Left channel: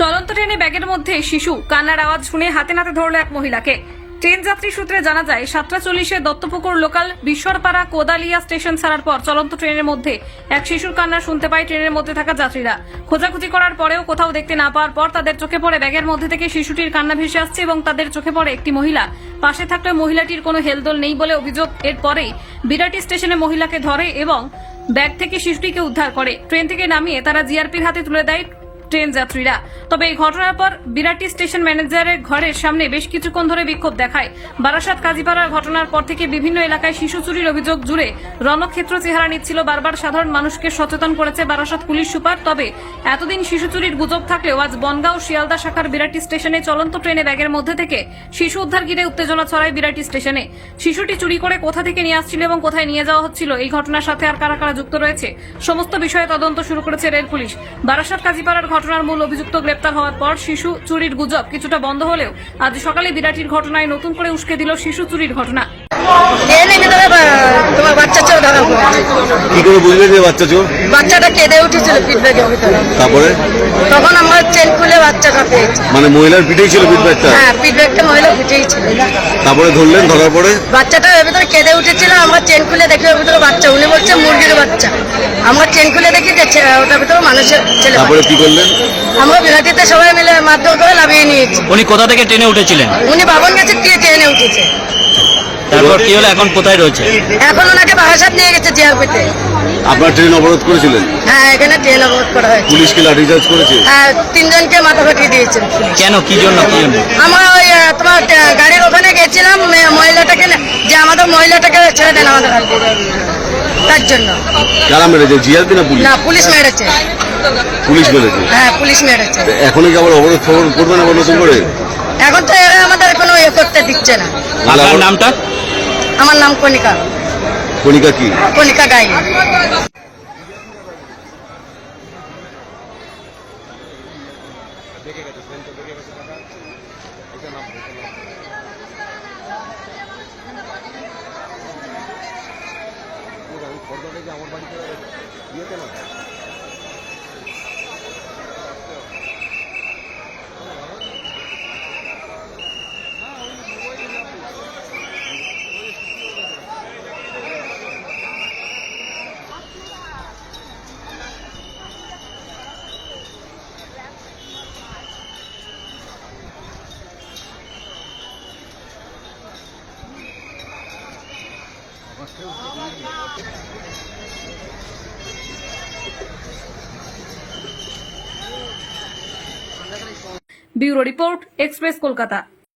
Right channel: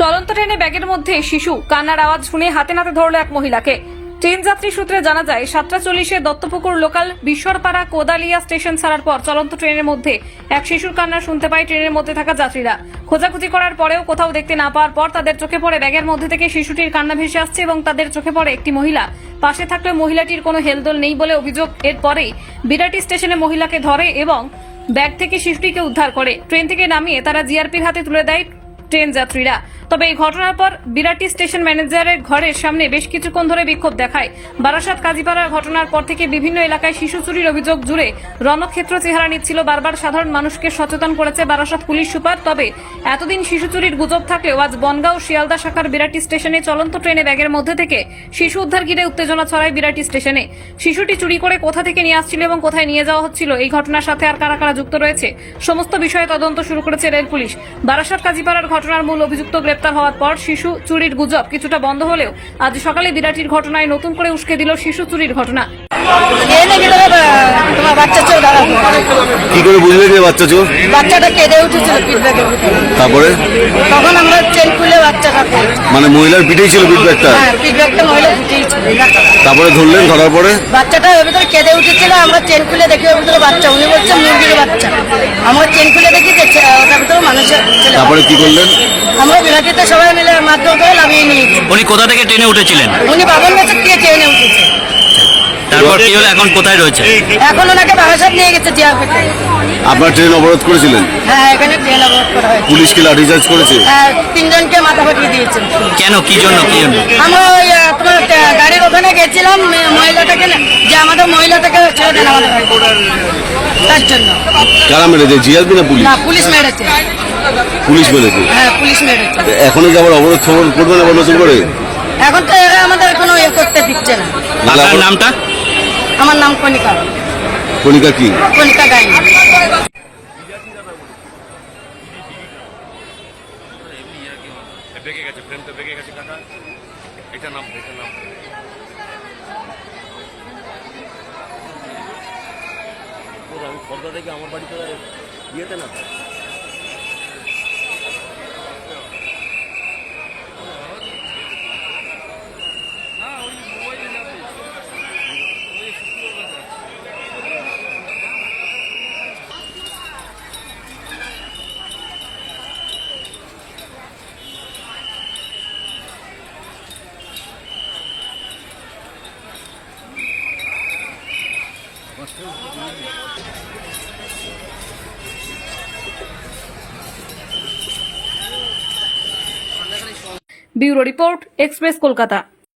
চলন্ত ট্রেনে ব্যাগের মধ্যে শিশু, কান্নার আওয়াজ শুনে হাতে নাতে ধরল এক মহিলাকে। ট্রেন যাত্রী সূত্রে জানা যায় 7:40 দত্তপুকুর লোকাল বিশ্বরপাড়া কোদালিয়া স্টেশন ছাড়ার পর চলন্ত ট্রেনের মধ্যে এক শিশুর কান্না শুনতে পায় ট্রেনের মধ্যে থাকা যাত্রীরা। খোঁজাখুঁজি করার পরেও কোথাও দেখতে না পাওয়ার পর তাদের চোখে পড়ে ব্যাগের মধ্যে থেকে শিশুটির কান্না ভেসে আসছে এবং তাদের চোখে পড়ে একটি মহিলা। পাশে থাকলেও মহিলাটির কোনো হেলদোল নেই বলে অভিযোগ। এরপরেই বিরাটি স্টেশনে মহিলাকে ধরে এবং ব্যাগ থেকে শিশুটিকে উদ্ধার করে ট্রেন থেকে নামিয়ে তারা জিআরপির হাতে তুলে দেয় ট্রেন যাত্রীরা। তবে এই ঘটনার পর বিরাটি স্টেশন ম্যানেজারের ঘরের সামনে বেশ কিছুক্ষণ ধরে বিক্ষোভ দেখায়। বারাসাত কাজীপাড়ার ঘটনার পর থেকে বিভিন্ন এলাকায় শিশু চুরির অভিযোগ জুড়ে রণক্ষেত্র চেহারা নিচ্ছিল। বারবার সাধারণ মানুষকে সচেতন করেছে বারাসাত পুলিশ সুপার। তবে এতদিন শিশু চুরির গুজব থাকলেও আজ বনগাঁও শিয়ালদা শাখার বিরাটি স্টেশনে চলন্ত ট্রেনে ব্যাগের মধ্যে থেকে শিশু উদ্ধার ঘিরে উত্তেজনা ছড়ায় বিরাটি স্টেশনে। শিশুটি চুরি করে কোথা থেকে নিয়ে আসছিল এবং কোথায় নিয়ে যাওয়া হচ্ছিল, এই ঘটনার সাথে আর কারা কারা যুক্ত রয়েছে, সমস্ত বিষয়ে তদন্ত শুরু করেছে রেল পুলিশ। বারাসাত কাজীপাড়ার ঘটনার মূল অভিযুক্ত গ্রেপ্তার হওয়ার পর শিশু চুরির গুজব কিছুটা বন্ধ হলেও আজ সকালে বিরাটির ঘটনায় নতুন করে উস্কে দিল শিশু চুরির ঘটনা। বাচ্চাটা কেঁদে উঠেছিল পিঠ ব্যাগের ভিতরে। তারপরে তখন আমরা চেন খুলে বাচ্চাটা পেয়েছি। মানে মহিলার পিঠেই ছিল পিঠ ব্যাগটা? হ্যাঁ, পিঠ ব্যাগটা মহিলার পিঠেই ছিল। তারপরে ধরলেন, ধরার পরে বাচ্চাটা এর ভিতরে কেঁদে উঠেছিল। আমরা চেন খুলে দেখি ওর ভিতরে বাচ্চা, উনি বলছে মুরগির বাচ্চা। আমরা চেন খুলে দেখি যে ওটার ভিতরে মানুষের ছেলে। তারপরে কি করলেন? আমরা বিরাটিতে সবাই মিলে মাধ্যম করে নামিয়ে নিয়েছি। উনি কোথা থেকে ট্রেনে উঠেছিলেন? উনি বাবন গাছে গিয়ে ট্রেনে উঠেছে। তারপর কি হলো, এখন কোথায় রয়েছে? এখন ওনাকে বারাসাত নিয়ে গেছে জিআরপিতে। আপনার ট্রেন অবরোধ করেছিলেন? হ্যাঁ, এখানে ট্রেন অবরোধ করা হয়েছে। পুলিশ কি লাঠিচার্জ করেছে? হ্যাঁ, 3 জনকে মাথা ফাটিয়ে দিয়েছে। কেন, কি জন্য? আমরা ওই তোমার গাড়ির ওখানে গেছিলাম মহিলাটাকে, যে আমাদের মহিলাটাকে ছেড়ে দেন আমাদের বাড়িতে, তার জন্য। কারা মেরেছে, জিআরপি না পুলিশ? না, পুলিশ মেরেছে। পুলিশ মেরেছে? হ্যাঁ, পুলিশ মেরেছে। এখনই কি আমার অবরোধ করবেন না নতুন করে? এখন তো আমাদের কোনো ইয়ে করতে দিচ্ছে না। আপনার নামটা? আমার নাম কণিকা। কণিকা কি? কণিকা গাইনি। বেঁকে গেছে, ফ্রেমটা বেঁকে গেছে কাকা। এটা নাম আমি খর্দা থেকে আমার বাড়িতে ইয়েতে না ব্যুরো রিপোর্ট, এক্সপ্রেস কলকাতা।